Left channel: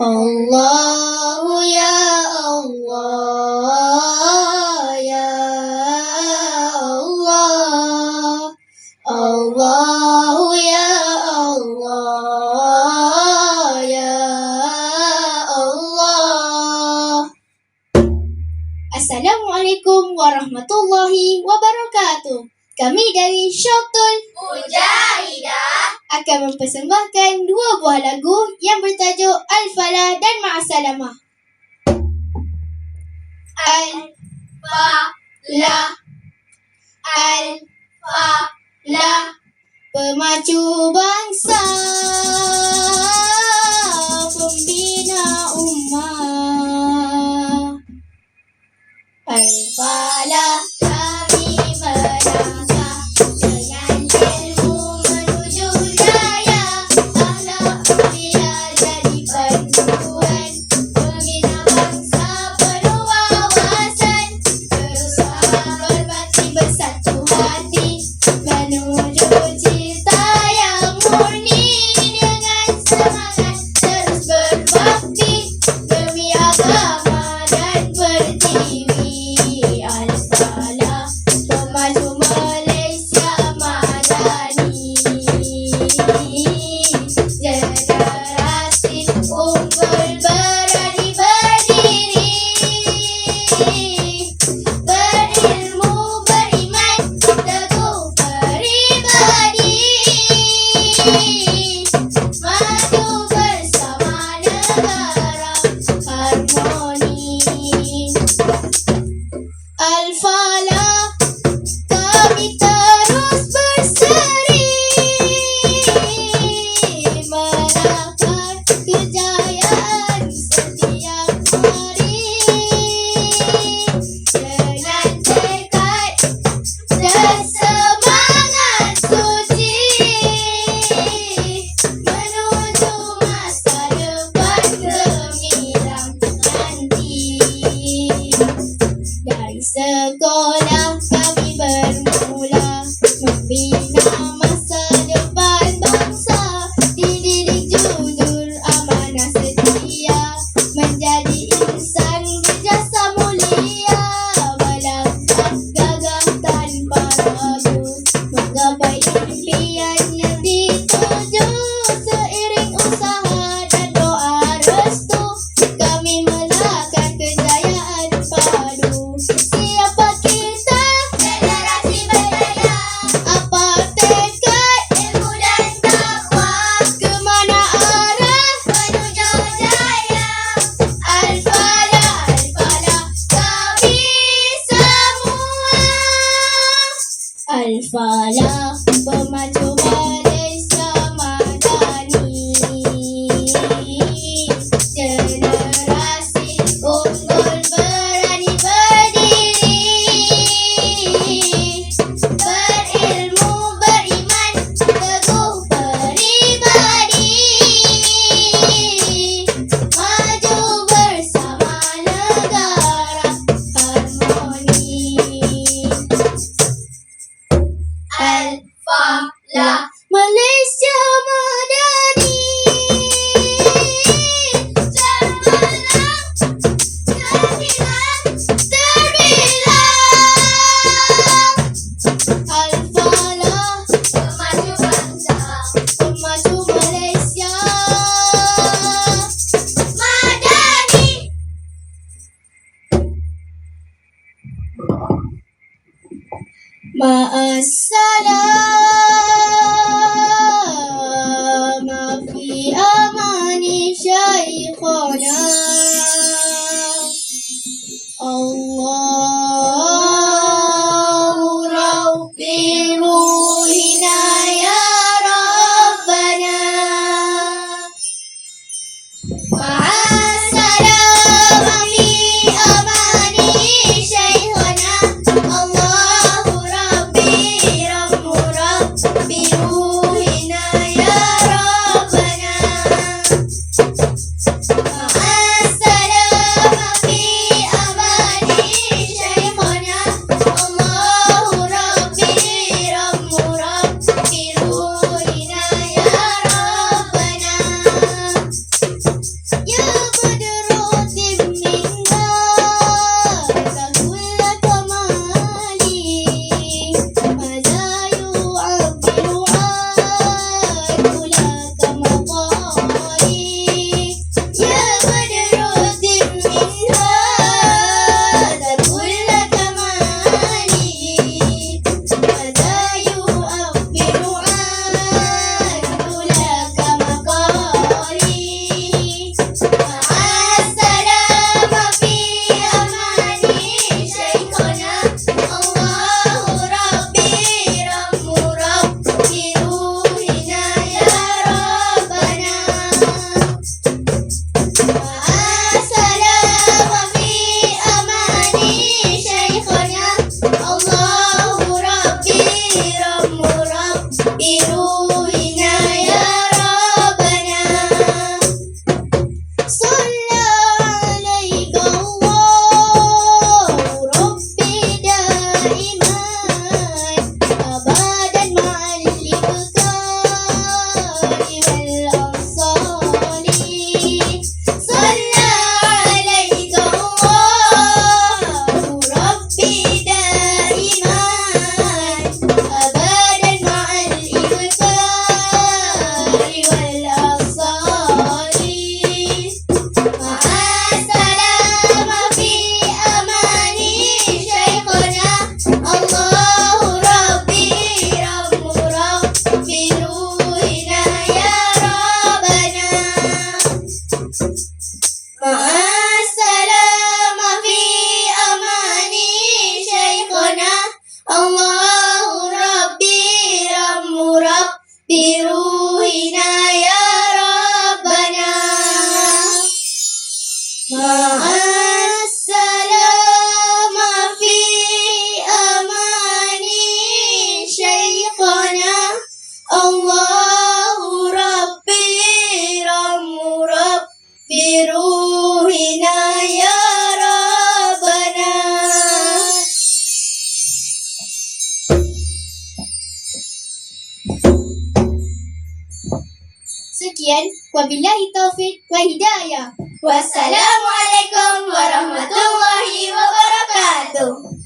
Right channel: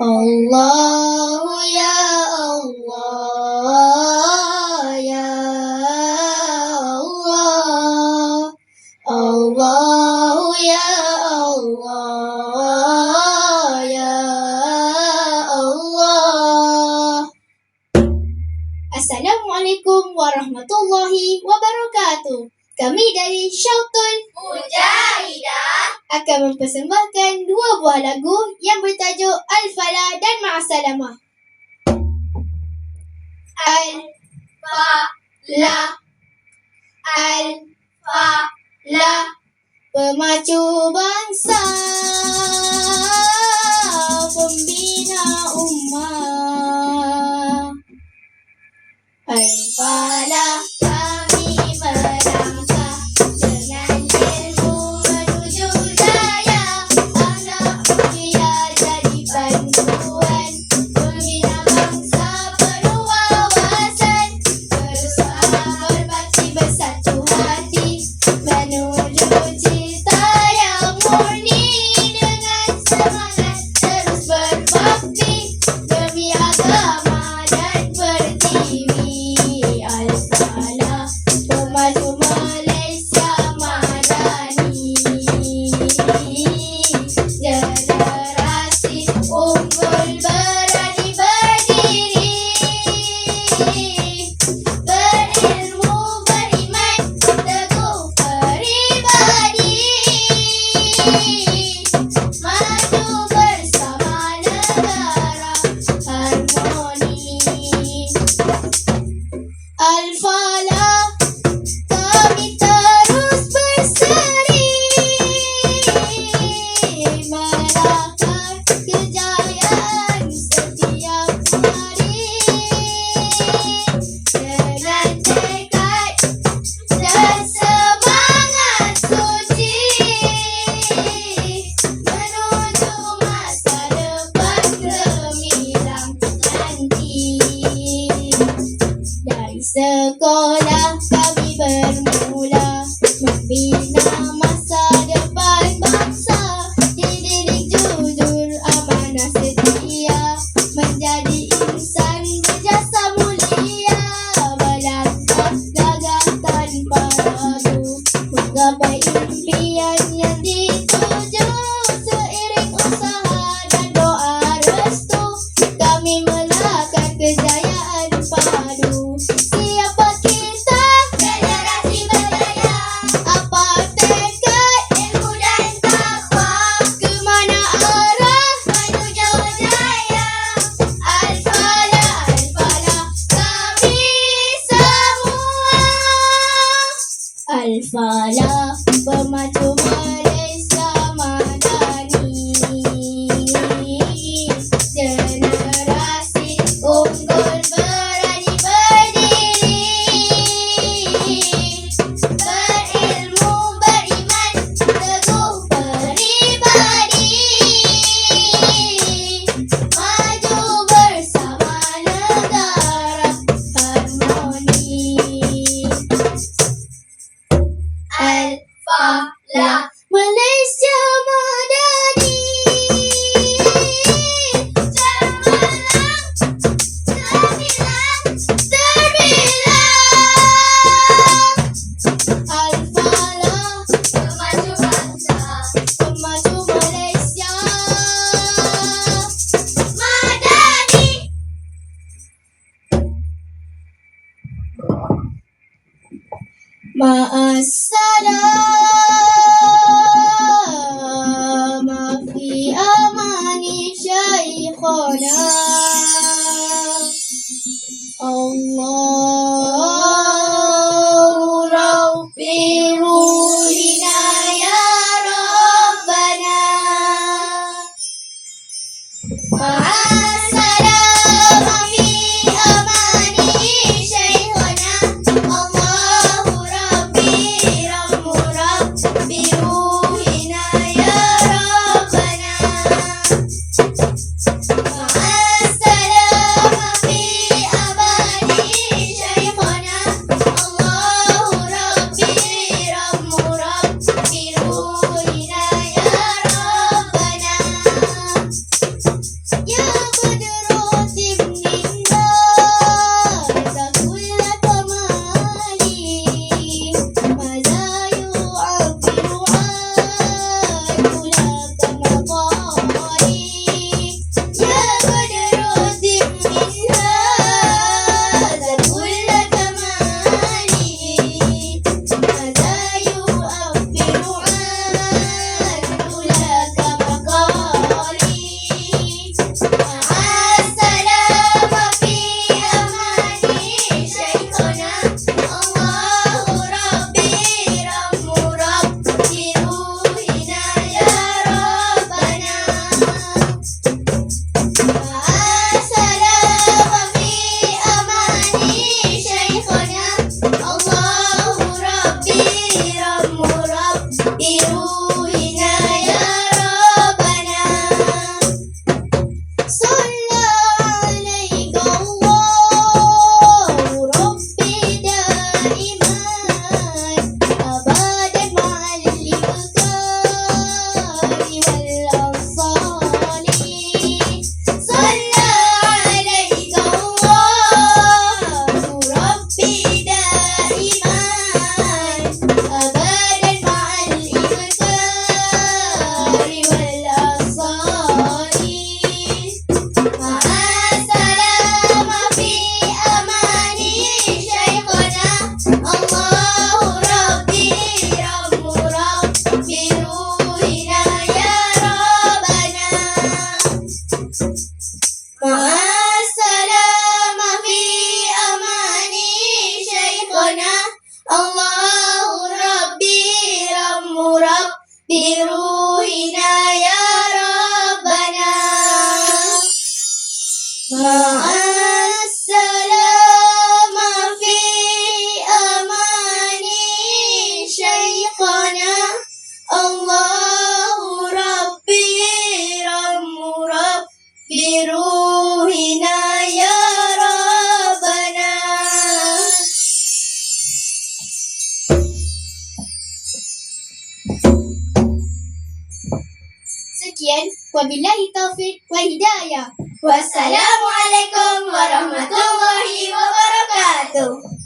Allah ya Allah ya Allah, Allah ya Allah ya Allah. Assalamualaikum warahmatullahi wabarakatuh. Kami dari Syautul Mujahidah akan mempersembahkan dua buah lagu yang bertajuk Al-Falah dan Ma'asalamah. Al-Falah, Al-Falah, pemacu bangsa, pembina ummah. Al-Falah kami melangkah dengan ilmu menuju jaya, akhlak mulia jadi panduan, pembina bangsa penuh wawasan, berusaha berbakti bersatu hati, menuju cita yang murni, dengan semangat terus berbakti demi agama dan pertiwi. Al-Falah, pemaju Malaysia madani, generasi unggul berani berdiri, berilmu, beriman, teguh peribadi, maju bersama negara harmoni. Al-Falah, kami terus berseri, menakar kejayaan setiap hari, dengan tekad dan semangat suci, menuju masa depan gemilang nanti. Dari sekolah kami bermula membina masa depan bangsa, dididik jujur, amanah setia, menjadi insan berjasa mulia, melangkah gagah tanpa ragu, menggapai impian yang dituju, seiring usaha dan doa restu, kami melahkan kejayaan padu. Siapa kita? Generasi berjaya. Apa tekad? Ilmu dan takwa. Kemana arah? Menuju jaya. Al-Falah, Al-Falah, kami semua. Al-Falah, pemacu Malaysia madani, generasi unggul berani berdiri, berilmu, beriman, teguh peribadi, maju bersama negara harmoni. Al-Falah, Malaysia madani, cemerlang, gemilang, terbilang. Al-Falah, pemaju bangsa, pemaju Malaysia madani. Ma'assalamah fi amani syaikhana, Allahu Rabbi ruhina ya Rabbana. Ma'assalamah fi amani syaikhana, Allahu Rabbi Rabbi ruhina ya Rabbana. Ma'assalamah fi amani syaikhana, Allahu Rabbi Rabbi ruhina ya Rabbana. Ya Ma'assalam fi amani Syekhana Allahu Rabbi Rammu Rabbi Ruhina ya Rabbana Ma'assalam fi amani Syekhana Allahu Rabbi Rammu Rabbi Ruhina ya Rabbana. Sekian, wabillahi taufik wa hidayah. Wassalamualaikum warahmatullahi wabarakatuh.